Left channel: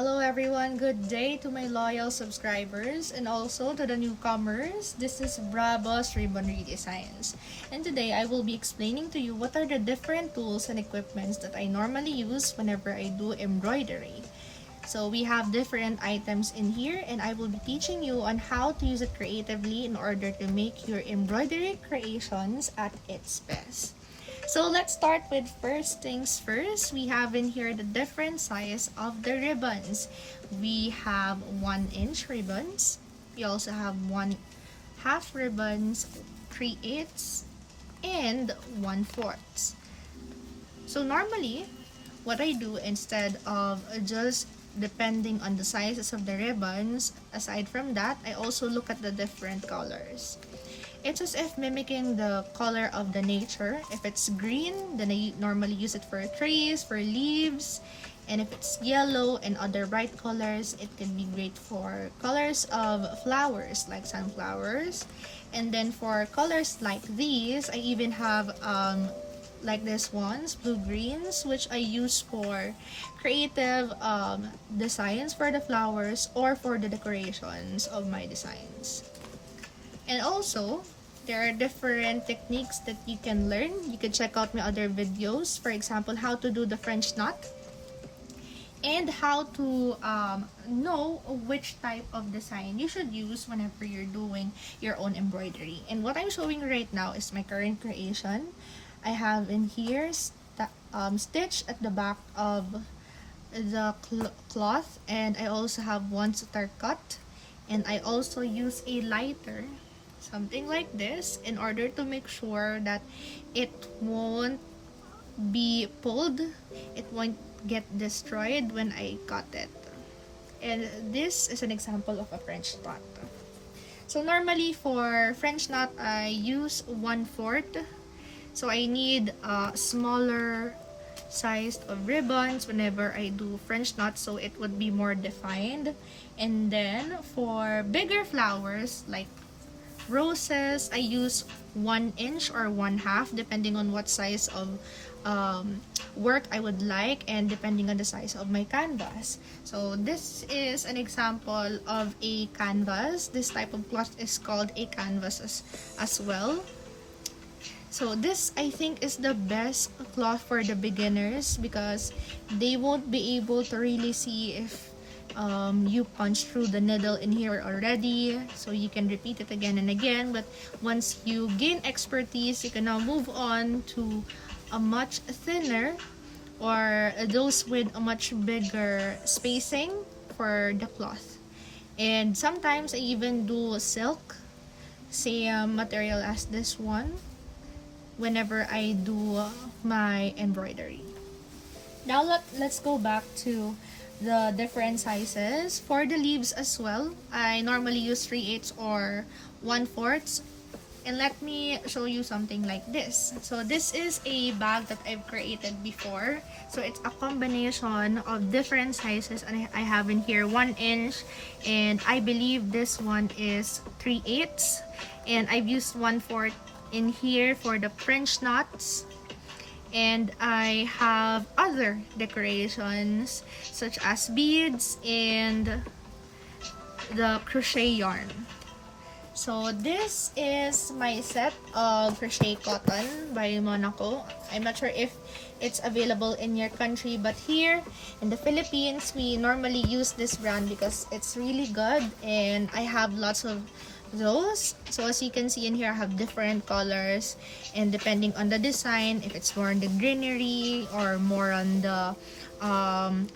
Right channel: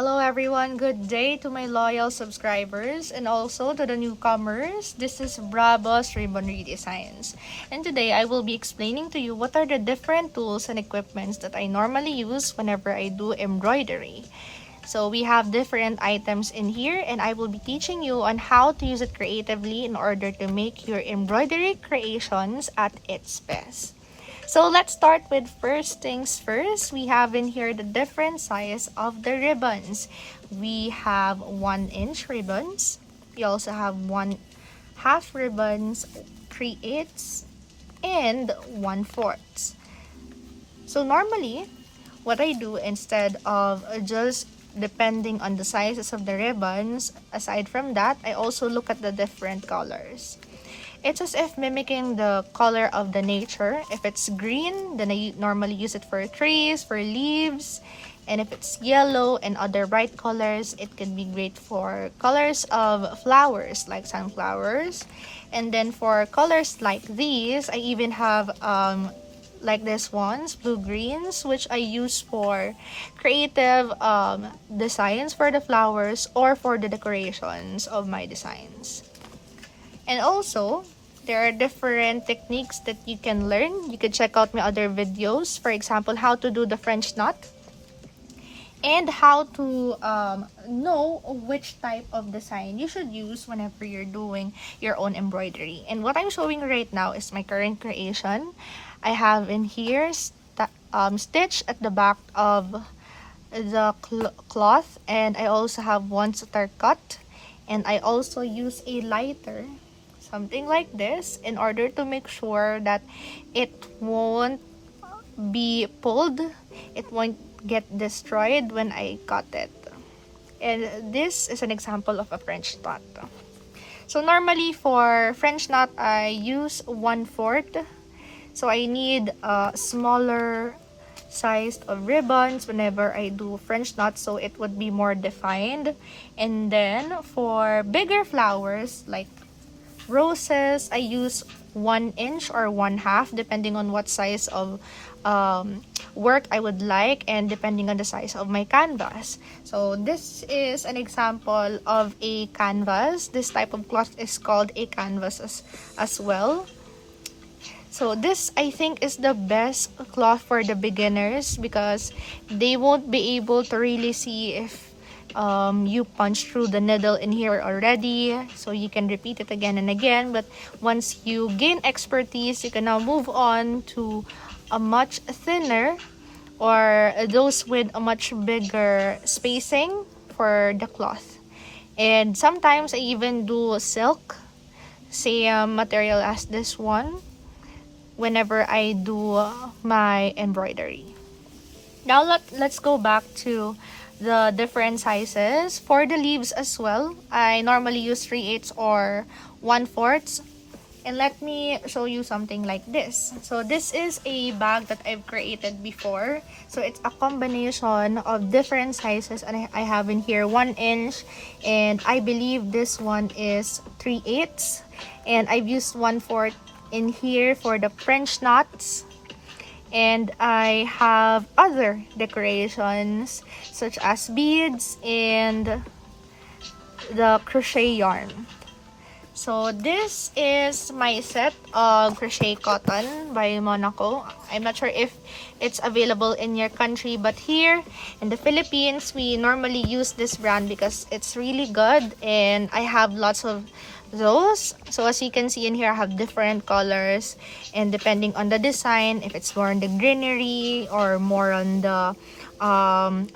Hello everyone, good day to my loyal subscribers and also to the newcomers. This is Bravo's Ribbonry Designs. And today I will be explaining to you what are the different tools and equipments that I normally use whenever I do embroidery. So we have different items in here and I will be teaching you on how to use it creatively in order to make your embroidery creations at its best. So let's start with first things first. We have in here the different size of the ribbons. We have 1-inch ribbons. We also have 1/2 ribbons, 3/8, and 1/4. So normally, what I do instead of just depending on the sizes of the ribbons, aside from that, I also look at the different colors. It's as if mimicking the color of the nature. If it's green, then I normally use it for trees, for leaves. And if it's yellow and other bright colors, it can be great for colors of flowers like sunflowers. And then for colors like these, I even have like this ones, blue greens, which I use for creative designs for the flowers or for the decorations of my designs. And also, there are different techniques that you can learn. You can check out my other videos. For example, how to do the French knot. And how to know which type of design you should use whenever you're doing your own embroidery. And what I'm showing right now is my current creation. I have in here stitch at the back of the cloth. And I also have one suture cut. And I also use a lighter, something like this, in order to make sure that it won't be pulled, it won't get destroyed when I cut it. And this is an example of a French knot. So normally for French knot, I use 1/4. So I need a smaller size of ribbons whenever I do French knot, so it would be more defined. And then for bigger flowers like roses, I use 1-inch or 1/2 depending on what size of work I would like and depending on the size of my canvas. So this is an example of a canvas. This type of cloth is called a canvas as well. So this, I think, is the best cloth for the beginners because they won't be able to really see if you punch through the needle in here already, so you can repeat it again and again. But once you gain expertise, you can now move on to a much thinner or those with a much bigger spacing for the cloth. And sometimes I even do silk, same material as this one, whenever I do my embroidery. Now let's go back to the different sizes. For the leaves as well, I normally use 3/8 or 1/4. And let me show you something like this. So this is a bag that I've created before. So it's a combination of different sizes, and I have in here 1-inch, and I believe this one is 3/8. And I've used 1/4 in here for the French knots. And I have other decorations such as beads and the crochet yarn. So this is my set of crochet cotton by Monaco. I'm not sure if it's available in your country, but here in the Philippines, we normally use this brand because it's really good, and I have lots of those. So as you can see in here, I have different colors, and depending on the design, if it's more on the greenery or more on the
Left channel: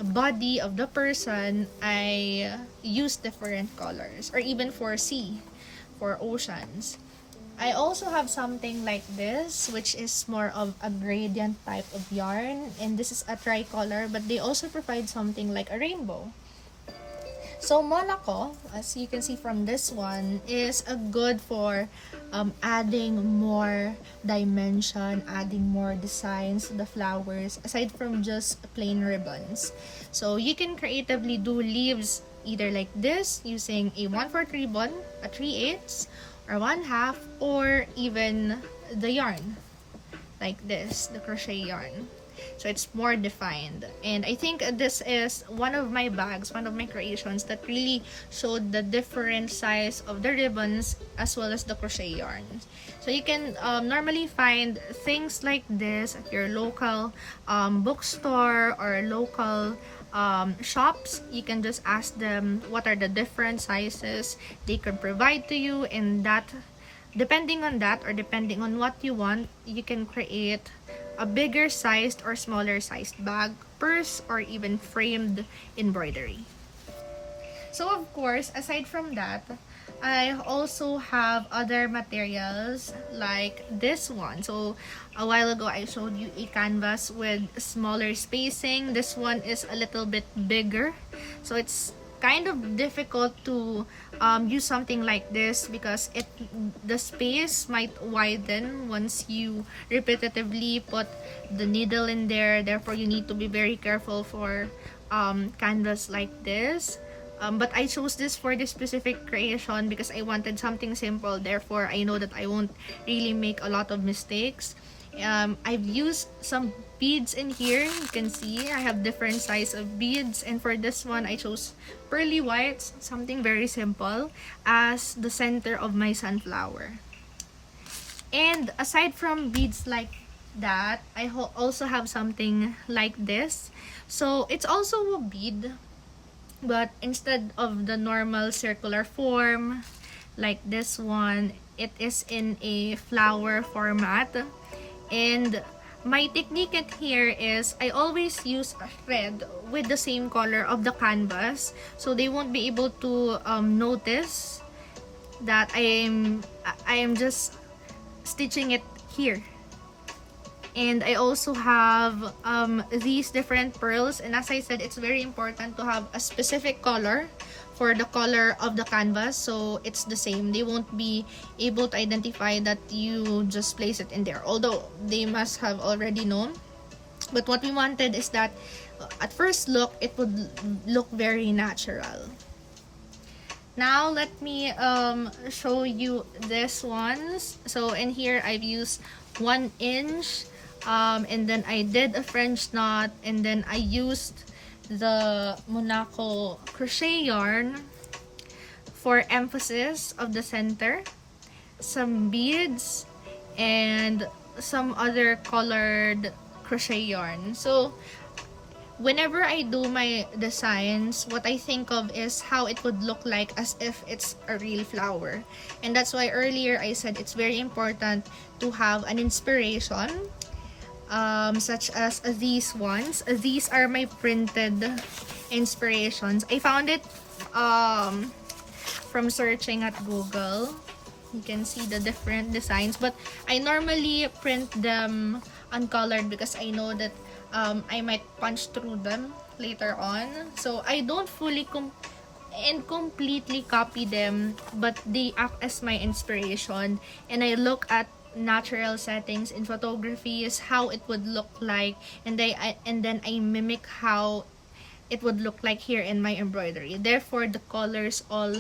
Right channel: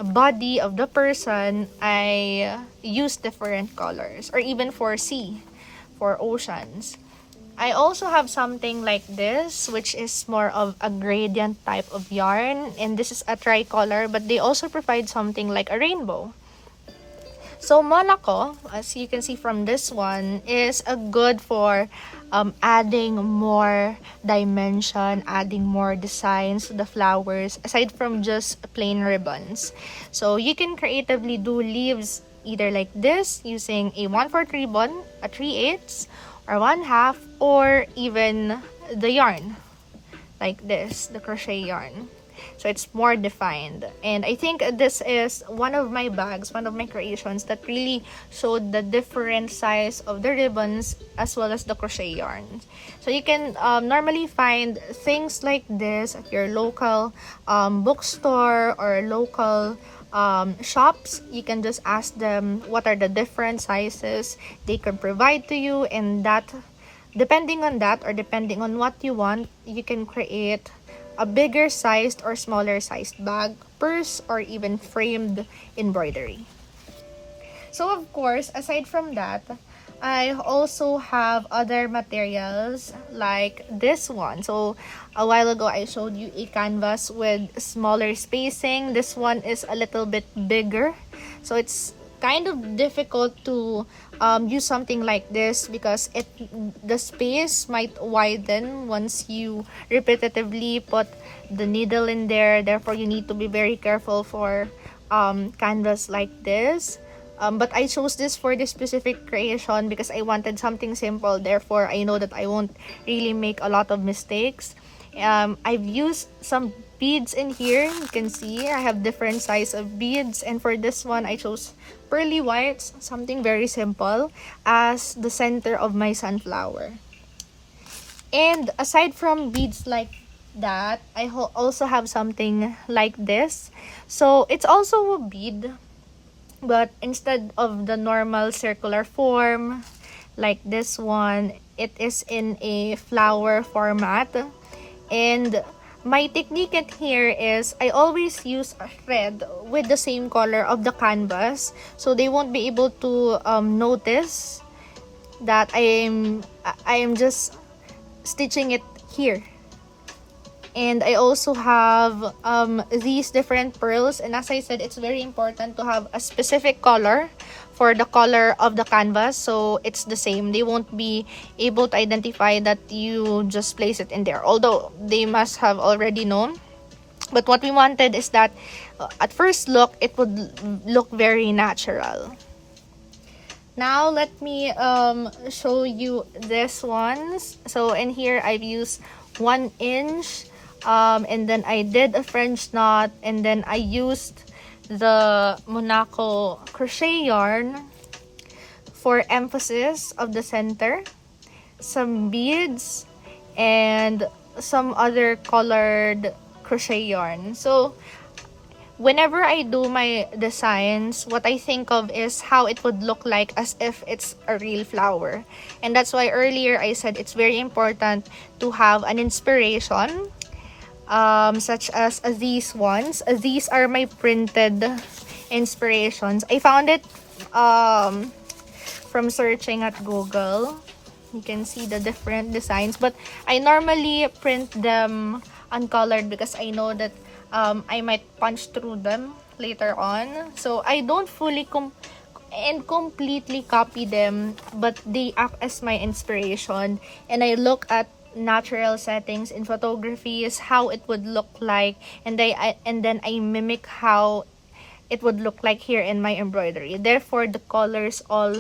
body of the person, I use different colors, or even for sea, for oceans. I also have something like this, which is more of a gradient type of yarn, and this is a tricolor, but they also provide something like a rainbow. So Monaco, as you can see from this one, is a good for adding more dimension, adding more designs to the flowers, aside from just plain ribbons. So you can creatively do leaves either like this, using a 1/4 ribbon, a 3/8, or 1/2, or even the yarn, like this, the crochet yarn. So it's more defined. And I think this is one of my bags, one of my creations that really showed the different size of the ribbons as well as the crochet yarns. So you can normally find things like this at your local bookstore or local shops. You can just ask them what are the different sizes they can provide to you, and that depending on that or depending on what you want, you can create a bigger sized or smaller sized bag, purse, or even framed embroidery. So of course, aside from that, I also have other materials like this one. So a while ago I showed you a canvas with smaller spacing. This one is a little bit bigger, so it's kind of difficult to use something like this because the space might widen once you repetitively put the needle in there. Therefore, you need to be very careful for canvas like this. But I chose this for this specific creation because I wanted something simple. Therefore, I know that I won't really make a lot of mistakes. I've used some beads in here. You can see I have different size of beads, and for this one I chose pearly whites, something very simple, as the center of my sunflower. And aside from beads like that, I also have something like this. So it's also a bead, but instead of the normal circular form like this one, it is in a flower format. And my technique in here is I always use a thread with the same color of the canvas, so they won't be able to notice that I am just stitching it here. And I also have these different pearls, and as I said, it's very important to have a specific color for the color of the canvas, so it's the same. They won't be able to identify that you just place it in there, although they must have already known. But what we wanted is that at first look, it would look very natural. Now let me show you this ones. So in here I've used 1 inch, and then I did a French knot, and then I used the Monaco crochet yarn for emphasis of the center, some beads, and some other colored crochet yarn. So whenever I do my designs, what I think of is how it would look like as if it's a real flower. And that's why earlier I said it's very important to have an inspiration, such as these ones. These are my printed inspirations. I found it from searching at Google. You can see the different designs, but I normally print them uncolored because I know that I might punch through them later on. So I don't fully completely copy them, but they act as my inspiration, and I look at natural settings in photography is how it would look like, and then I mimic how it would look like here in my embroidery. Therefore, the colors all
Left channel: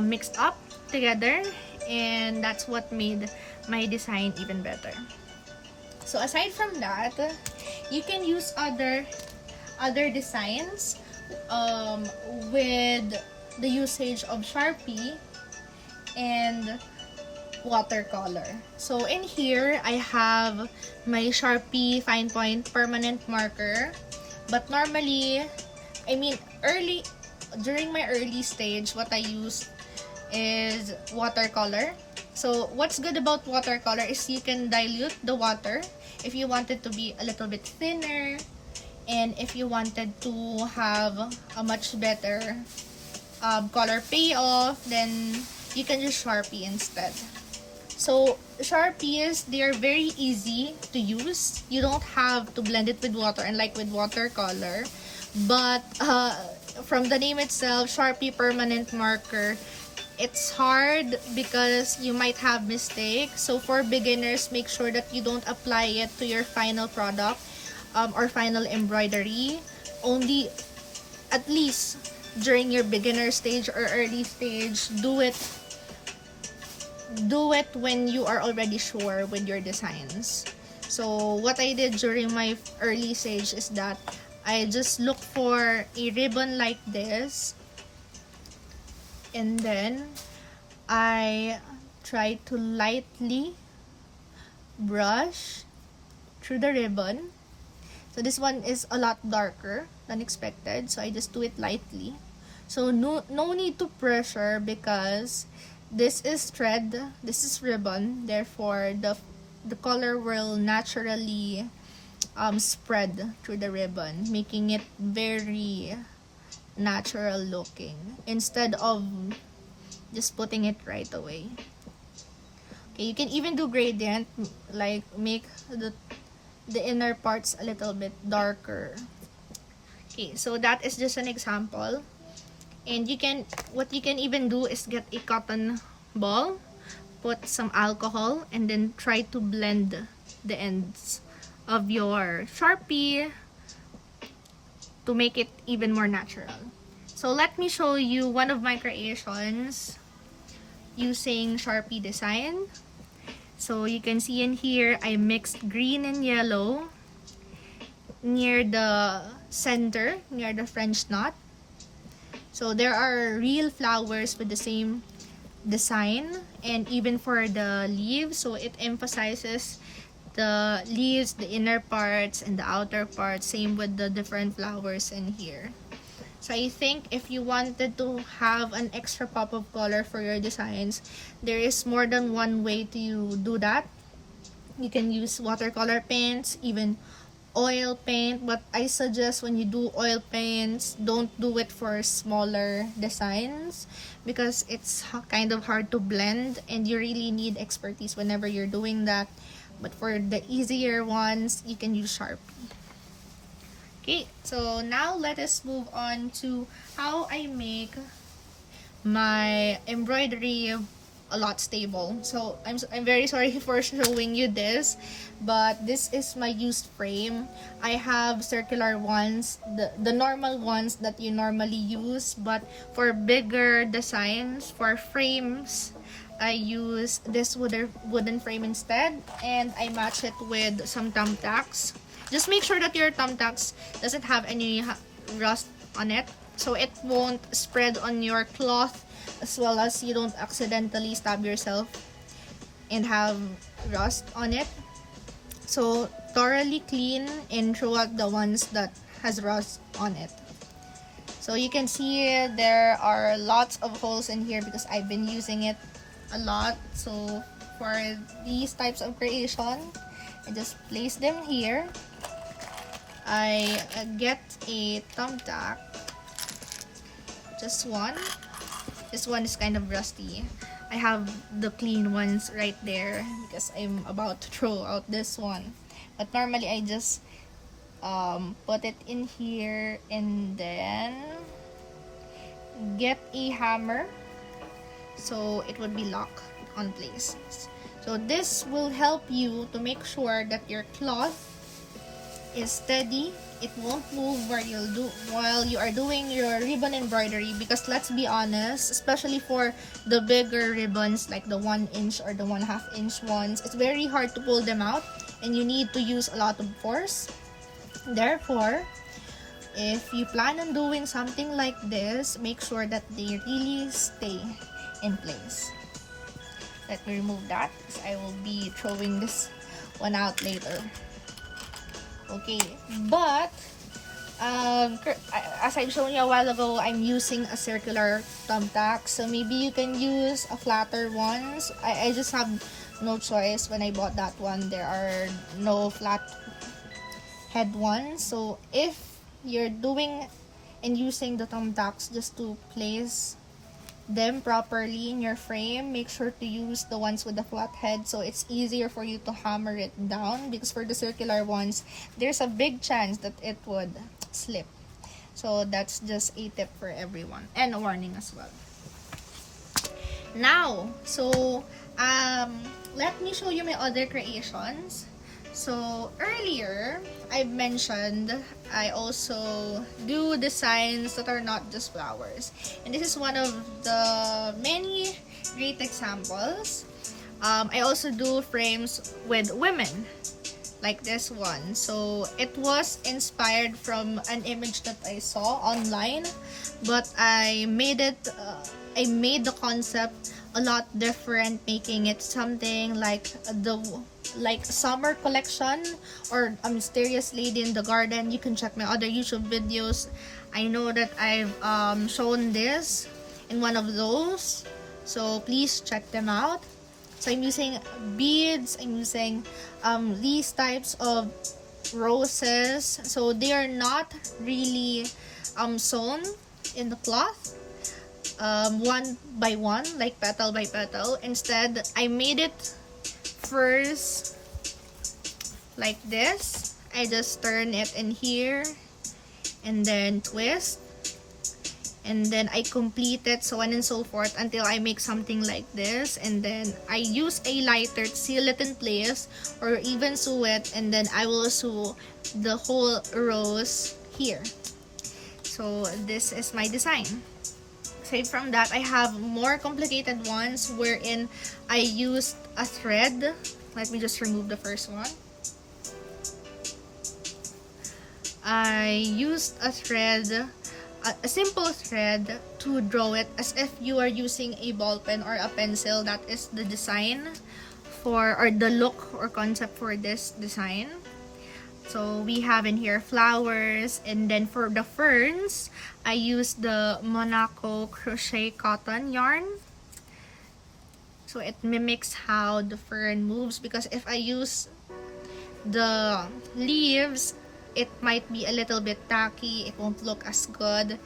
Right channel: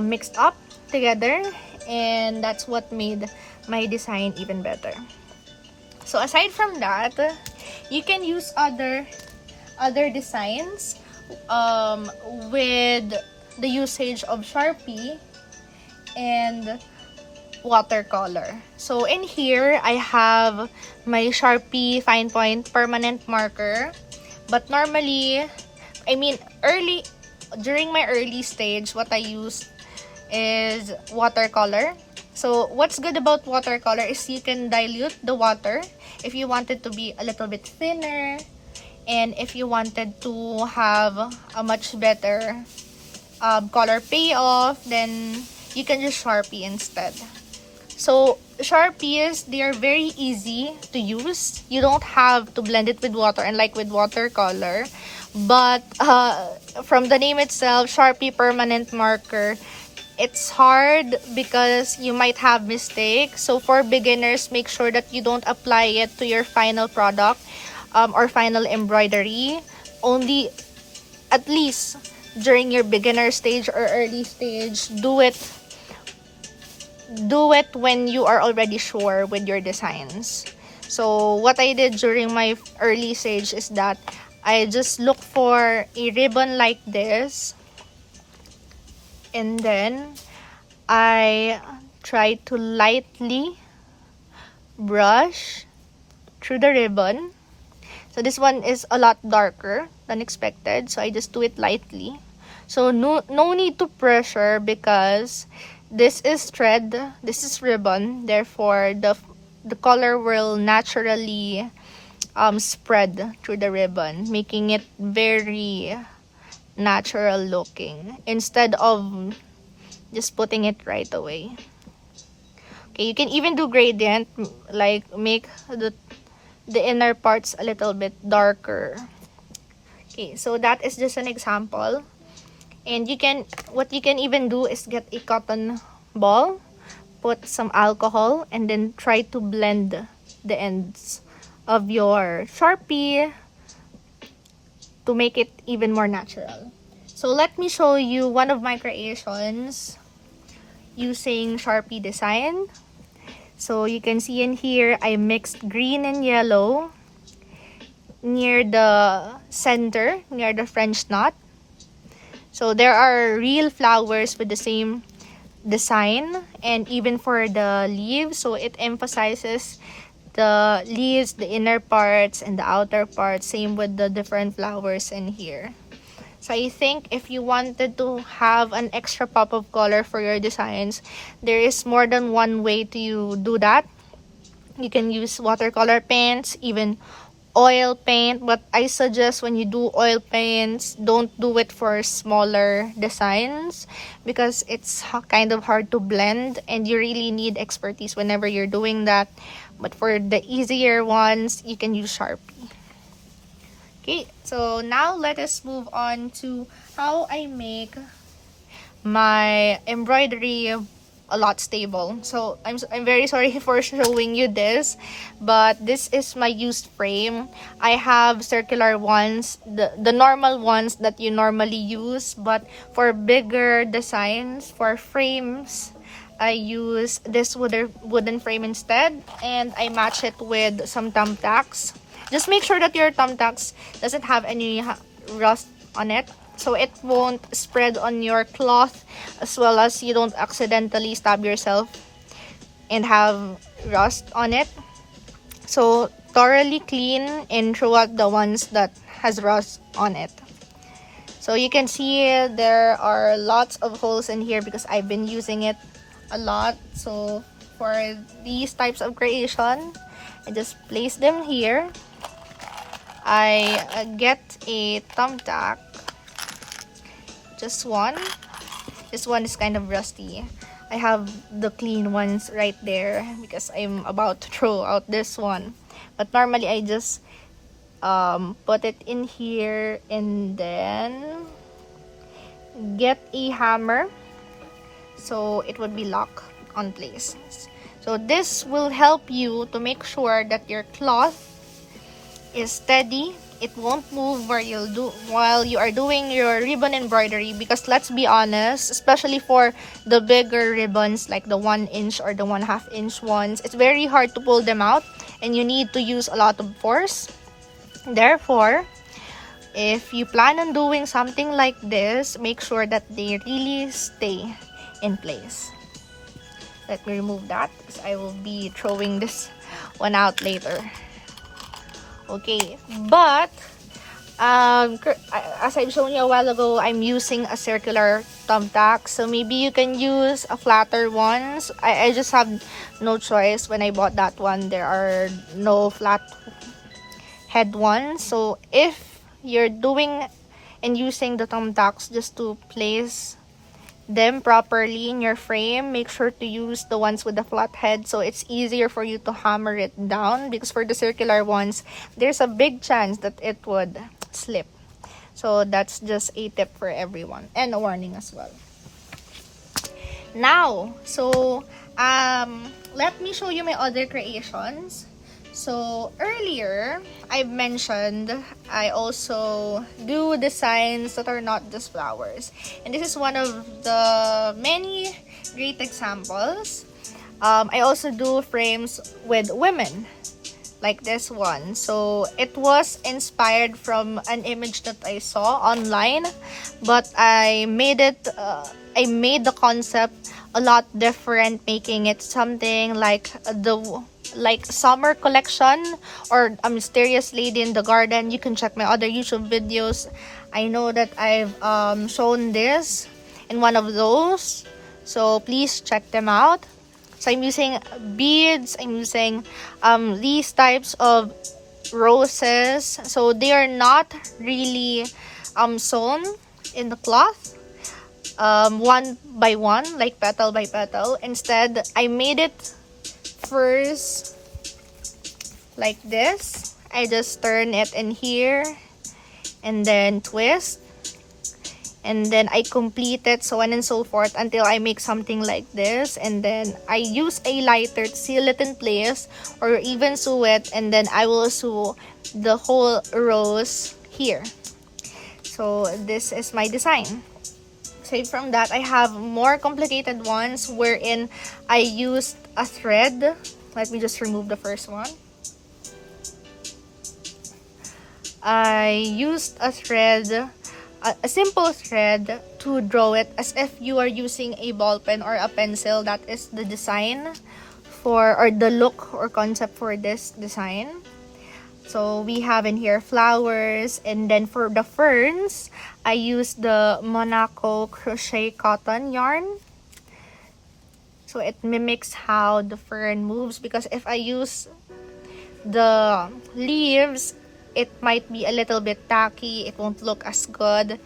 mixed up together, and that's what made my design even better. So aside from that, you can use other designs with the usage of Sharpie and watercolor. So in here I have my Sharpie fine point permanent marker, but normally, during my early stage, what I use is watercolor. So what's good about watercolor is you can dilute the water if you want it to be a little bit thinner, and if you wanted to have a much better color payoff, then you can use Sharpie instead. So Sharpies, they are very easy to use. You don't have to blend it with water, unlike with watercolor. But from the name itself, Sharpie permanent marker, it's hard because you might have mistakes. So for beginners, make sure that you don't apply it to your final product or final embroidery. Only, at least during your beginner stage or early stage, do it when you are already sure with your designs. So what I did during my early stage is that I just look for a ribbon like this, and then I try to lightly brush through the ribbon. So this one is a lot darker than expected, so I just do it lightly. So no need to pressure, because this is thread, this is ribbon, therefore the color will naturally spread through the ribbon, making it very natural looking instead of just putting it right away. Okay, you can even do gradient, like make the inner parts a little bit darker. Okay, so that is just an example. And what you can even do is get a cotton ball, put some alcohol, and then try to blend the ends of your Sharpie to make it even more natural. So let me show you one of my creations using Sharpie design. So you can see in here, I mixed green and yellow near the center, near the French knot. So there are real flowers with the same design, and even for the leaves, so it emphasizes the leaves, the inner parts and the outer parts, same with the different flowers in here. So I think if you wanted to have an extra pop of color for your designs, there is more than one way to do that. You can use watercolor paints, even oil paint, but I suggest when you do oil paints, don't do it for smaller designs, because it's kind of hard to blend and you really need expertise whenever you're doing that. But for the easier ones, you can use Sharpie. Okay, so now let us move on to how I make my embroidery a lot stable. So I'm very sorry for showing you this, but this is my used frame. I have circular ones, the normal ones that you normally use, but for bigger designs, for frames, I use this wooden frame instead, and I match it with some thumbtacks. Just make sure that your thumbtacks doesn't have any rust on it, so it won't spread on your cloth, as well as you don't accidentally stab yourself and have rust on it. So thoroughly clean and throw out the ones that has rust on it. So you can see there are lots of holes in here because I've been using it a lot. So for these types of creation, I just place them here. I get a thumbtack, just one. This one is kind of rusty. I have the clean ones right there because I'm about to throw out this one. But normally I just put it in here and then get a hammer so it would be locked on place. So this will help you to make sure that your cloth is steady. It won't move while you are doing your ribbon embroidery, because let's be honest, especially for the bigger ribbons like the 1 inch or the 1/2 inch ones, it's very hard to pull them out and you need to use a lot of force. Therefore, if you plan on doing something like this, make sure that they really stay in place. Let me remove that because I will be throwing this one out later. Okay, but as I've shown you a while ago, I'm using a circular thumbtack, so maybe you can use a flatter ones. I just have no choice. When I bought that one, there are no flat head ones. So if you're doing and using the thumbtacks just to place them properly in your frame, make sure to use the ones with the flat head so it's easier for you to hammer it down, because for the circular ones, there's a big chance that it would slip. So that's just a tip for everyone and a warning as well. Now, so let me show you my other creations. So earlier, I've mentioned I also do designs that are not just flowers. And this is one of the many great examples. I also do frames with women, like this one. So it was inspired from an image that I saw online, but I made the concept a lot different, making it something like the summer collection or a mysterious lady in the garden. You can check my other YouTube videos. I know that I've shown this in one of those, so please check them out. So I'm using beads, I'm using these types of roses, so they are not really sewn in the cloth one by one, like petal by petal. Instead, I made it first like this. I just turn it in here and then twist, and then I complete it, so on and so forth, until I make something like this. And then I use a lighter to seal it in place, or even sew it, and then I will sew the whole rose here. So this is my design. Aside from that, I have more complicated ones wherein I used a thread. Let me just remove the first one. I used a thread, a simple thread, to draw it as if you are using a ball pen or a pencil. That is the design for, or the look or concept for this design. So we have in here flowers, and then for the ferns, I used the Monaco crochet cotton yarn. So it mimics how the fern moves, because if I use the leaves, it might be a little bit tacky, it won't look as good.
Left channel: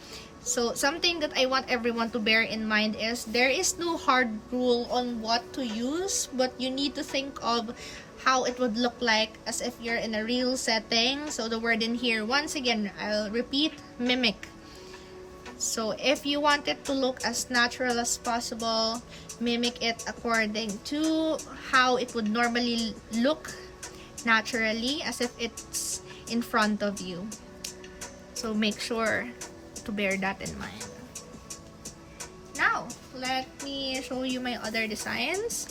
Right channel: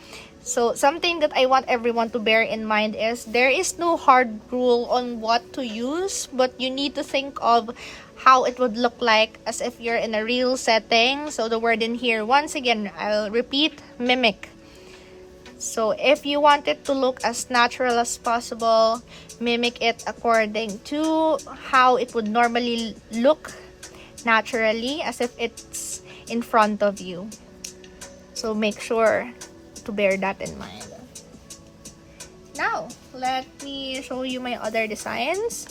So something that I want everyone to bear in mind is there is no hard rule on what to use, but you need to think of how it would look like as if you're in a real setting. So the word in here, once again, I'll repeat, mimic. So if you want it to look as natural as possible, mimic it according to how it would normally look naturally, as if it's in front of you. So make sure to bear that in mind. Now, let me show you my other designs.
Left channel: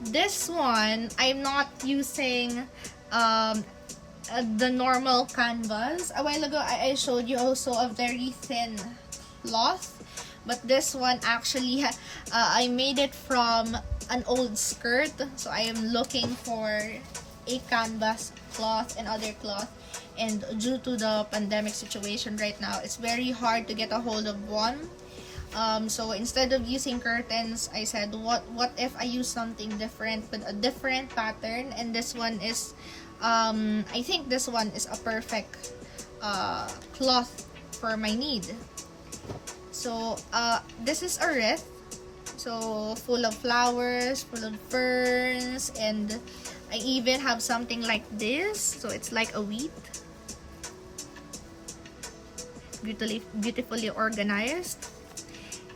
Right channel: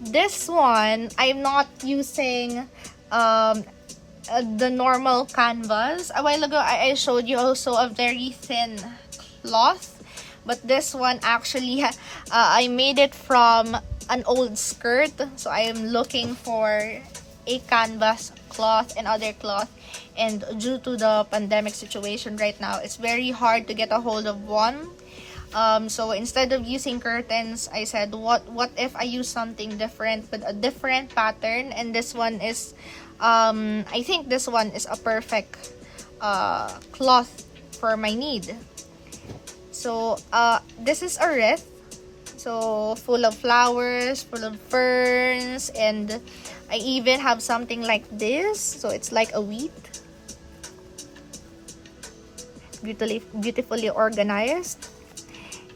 This one, I'm not using the normal canvas. A while ago, I showed you also a very thin cloth, but this one actually, I made it from an old skirt. So I am looking for a canvas cloth and other cloth, and due to the pandemic situation right now, it's very hard to get a hold of one. So instead of using curtains, I said, what if I use something different with a different pattern? And this one is, I think this one is a perfect cloth for my need. So this is a wreath, so full of flowers, full of ferns, and I even have something like this, so it's like a wheat, beautifully organized.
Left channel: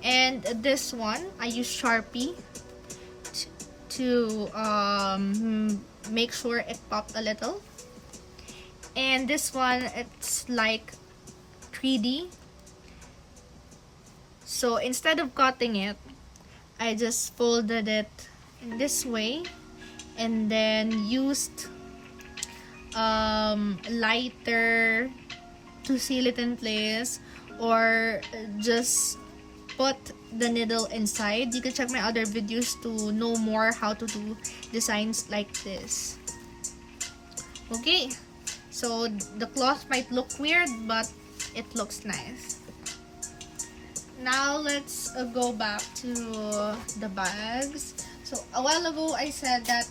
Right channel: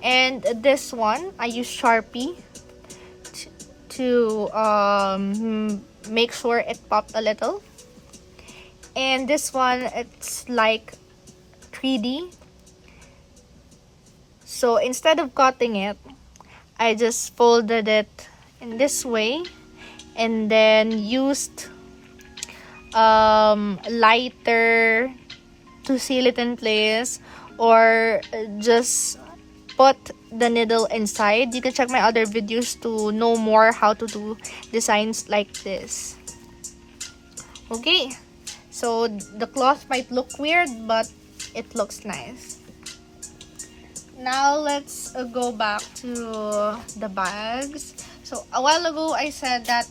And this one, I use Sharpie to make sure it popped a little. And this one, it's like 3D. So instead of cutting it, I just folded it in this way, and then used lighter to seal it in place, or just put the needle inside. You can check my other videos to know more how to do designs like this. Okay, so the cloth might look weird, but it looks nice. Now let's go back to the bags. So a while ago, I said that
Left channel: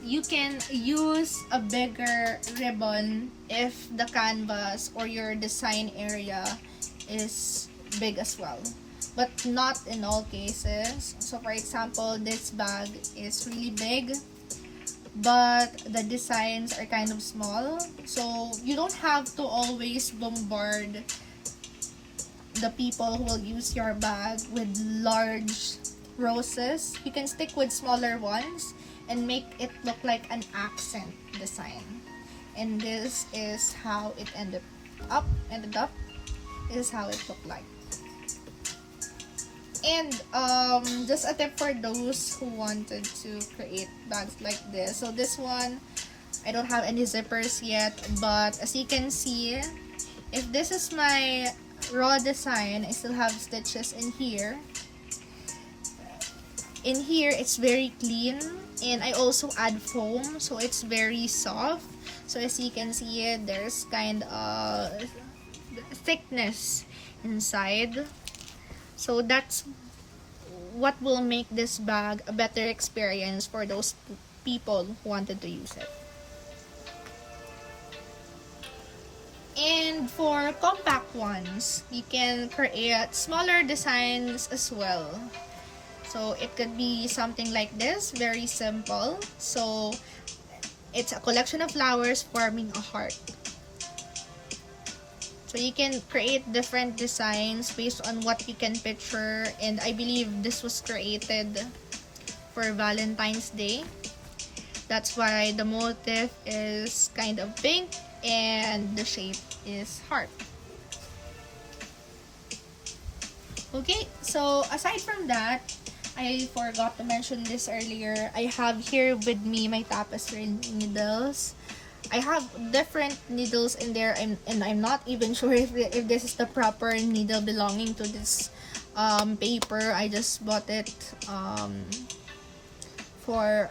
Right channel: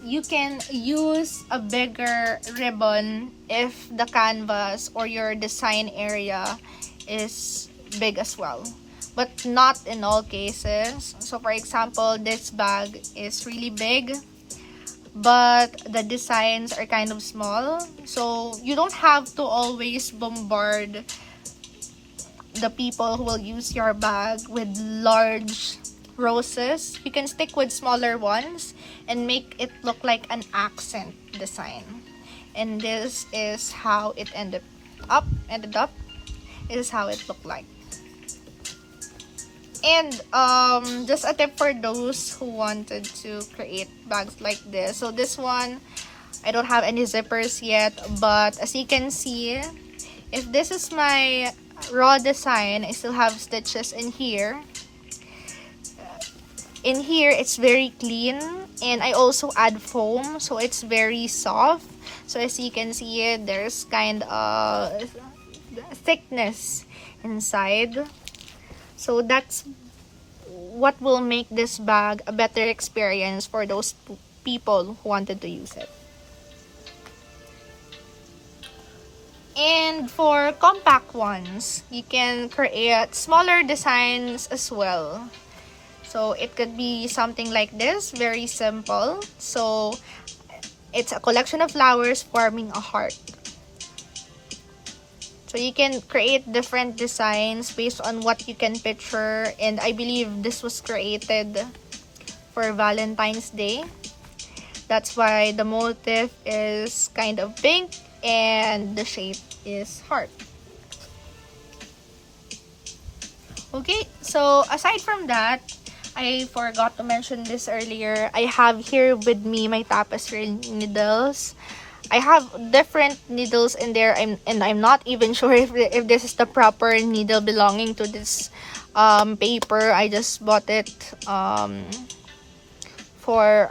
you can use a bigger ribbon if the canvas or your design area is big as well, but not in all cases. So for example, this bag is really big, but the designs are kind of small, so you don't have to always bombard the people who will use your bag with large roses. You can stick with smaller ones and make it look like an accent design. And this is how it ended up. This is how it looked like. And just a tip for those who wanted to create bags like this. So this one, I don't have any zippers yet, but as you can see, if this is my raw design, I still have stitches in here. In here, it's very clean, and I also add foam, so it's very soft. So as you can see, there's kind of thickness inside. So that's what will make this bag a better experience for those people who wanted to use it. And for compact ones, you can create smaller designs as well. So it could be something like this, very simple. So it's a collection of flowers forming a heart. So you can create different designs based on what you can picture, and I believe this was created for Valentine's Day. That's why the motif is kind of pink and the shape is heart. Okay, so aside from that, I forgot to mention this earlier. I have here with me my tapestry needles. I have different needles in there, and I'm not even sure if this is the proper needle belonging to this paper. I just bought it for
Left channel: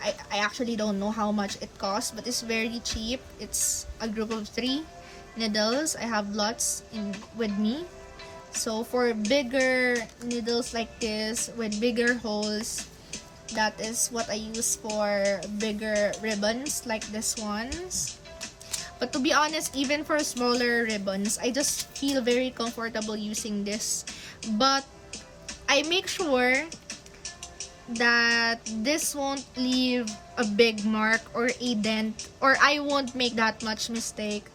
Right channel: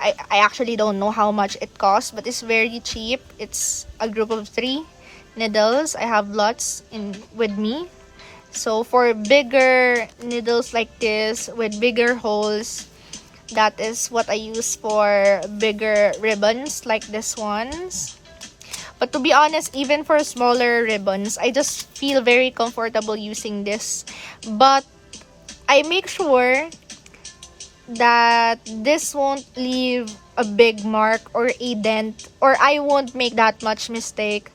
I actually don't know how much it costs, but it's very cheap. It's a group of 3 needles. I have lots with me. So for bigger needles like this with bigger holes, that is what I use for bigger ribbons like this ones. But to be honest, even for smaller ribbons, I just feel very comfortable using this. But I make sure that this won't leave a big mark or a dent, or I won't make that much mistake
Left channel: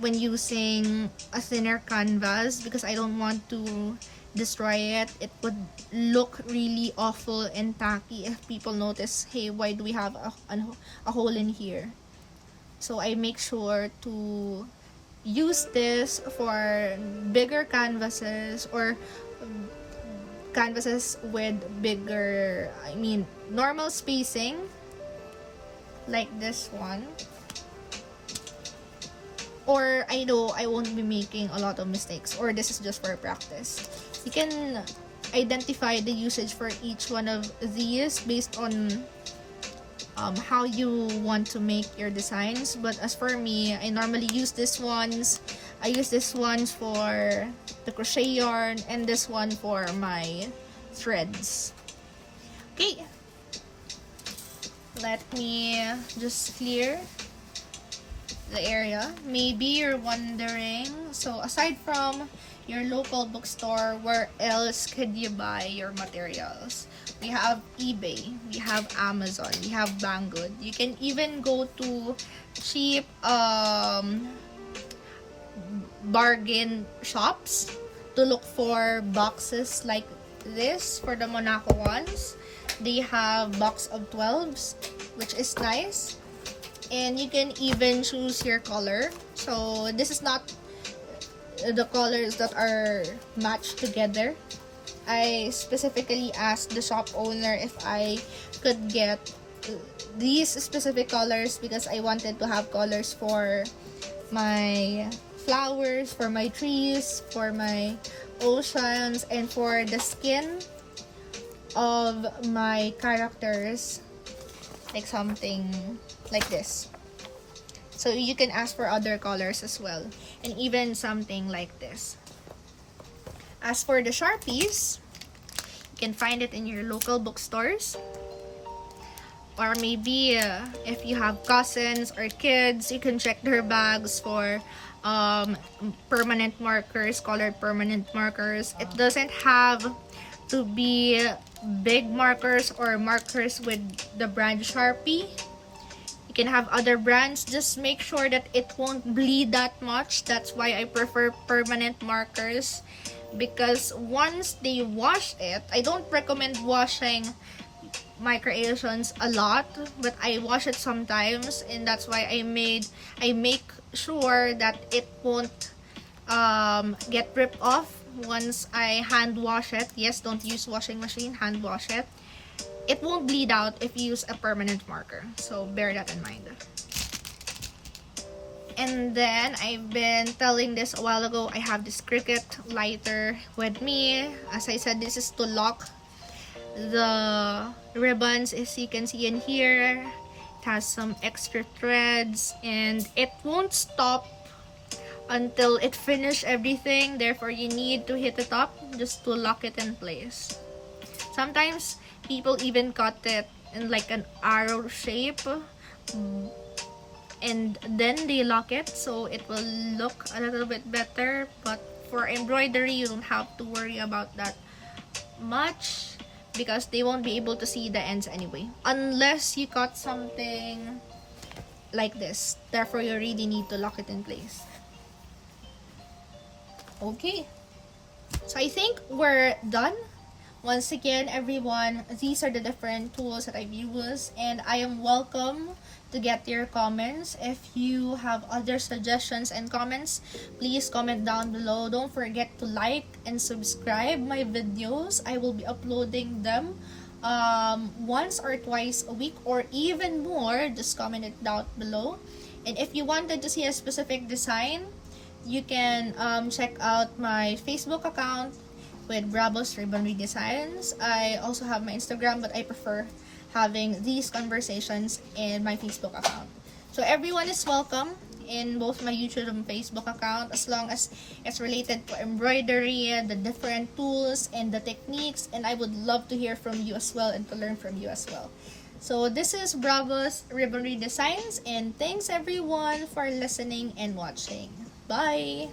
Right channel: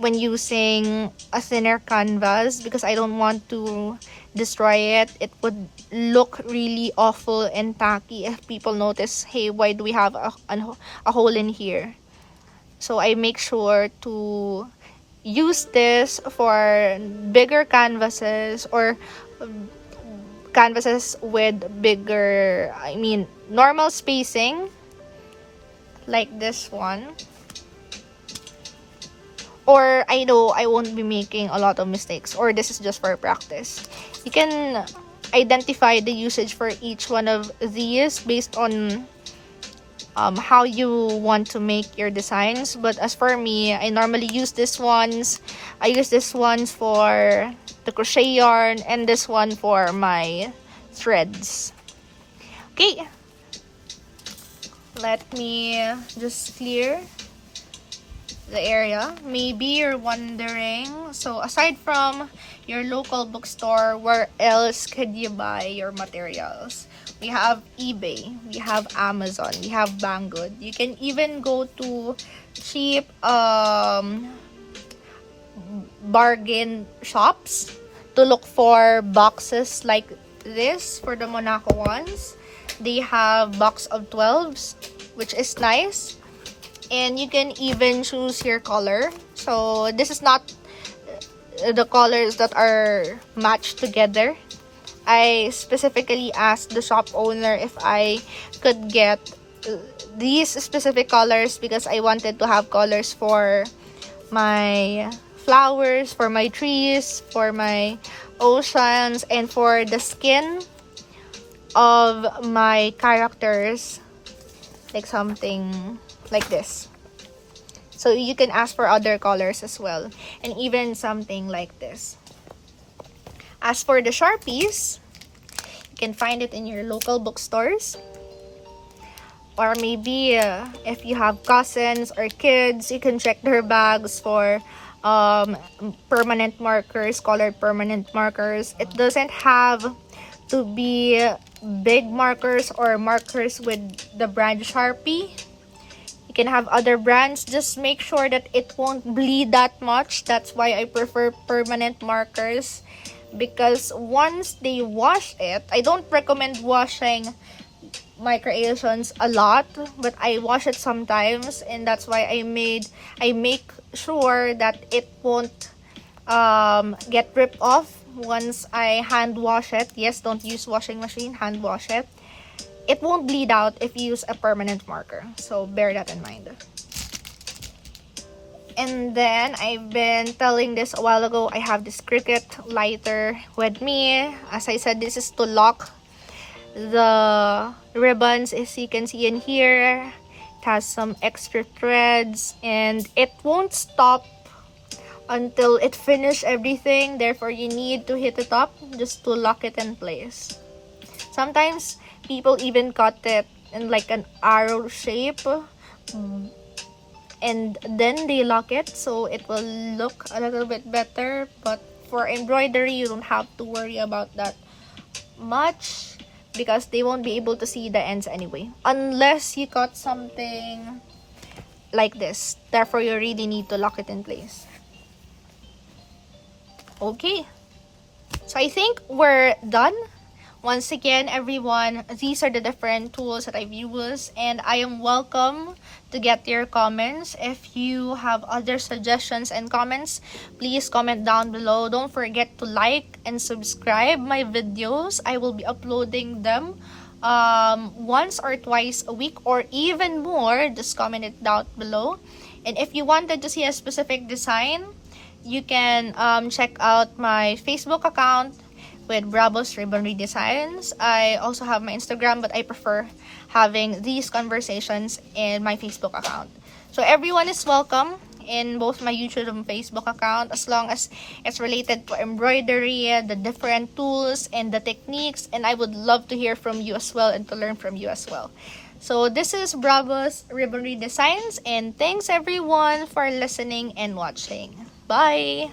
when using a thinner canvas, because I don't want to destroy it. It would look really awful and tacky if people notice, hey, why do we have a hole in here? So I make sure to use this for bigger canvases, or canvases with bigger, normal spacing like this one. Or I know I won't be making a lot of mistakes, or this is just for practice. You can identify the usage for each one of these based on how you want to make your designs. But as for me, I normally use these ones. I use this ones for the crochet yarn, and this one for my threads. Okay, let me just clear the area. Maybe you're wondering, so aside from your local bookstore, where else could you buy your materials? We have eBay, we have Amazon, we have Banggood. You can even go to cheap bargain shops to look for boxes like this. For the Monaco ones, they have box of 12s, which is nice. And you can even choose your color. So this is not the colors that are matched together. I specifically asked the shop owner if I could get these specific colors, because I wanted to have colors for my flowers, for my trees, for my oceans, and for the skin of my characters, like something like this. So you can ask for other colors as well, and even something like this. As for the Sharpies, you can find it in your local bookstores, or maybe if you have cousins or kids, you can check their bags for permanent markers, colored permanent markers. It doesn't have to be big markers or markers with the brand Sharpie. You can have other brands, just make sure that it won't bleed that much. That's why I prefer permanent markers, because once they wash it, I don't recommend washing my creations a lot, but I wash it sometimes, and that's why I make sure that it won't get ripped off once I hand wash it, yes, don't use washing machine, hand wash it, it won't bleed out if you use a permanent marker. So bear that in mind. And then I've been telling this a while ago, I have this Cricut lighter with me. As I said, this is to lock the ribbons, as you can see in here. It has some extra threads and it won't stop until it finishes everything. Therefore, you need to hit the top just to lock it in place. Sometimes people even cut it in like an arrow shape and then they lock it so it will look a little bit better. But for embroidery, you don't have to worry about that much because they won't be able to see the ends anyway, unless you cut something like this. Therefore, you really need to lock it in place. Okay, so I think we're done. Once again, everyone, these are the different tools that I've used, and I am welcome to get your comments. If you have other suggestions and comments, please comment down below. Don't forget to like and subscribe my videos. I will be uploading them once or twice a week or even more. Just comment it down below. And if you wanted to see a specific design, you can check out my Facebook account with Bravo's Ribbonry Designs. I also have my Instagram, but I prefer having these conversations in my Facebook account. So everyone is welcome in both my YouTube and Facebook account, as long as it's related to embroidery, the different tools and the techniques, and I would love to hear from you as well and to learn from you as well. So this is Bravo's Ribbonry Designs, and thanks everyone for listening and watching. Bye!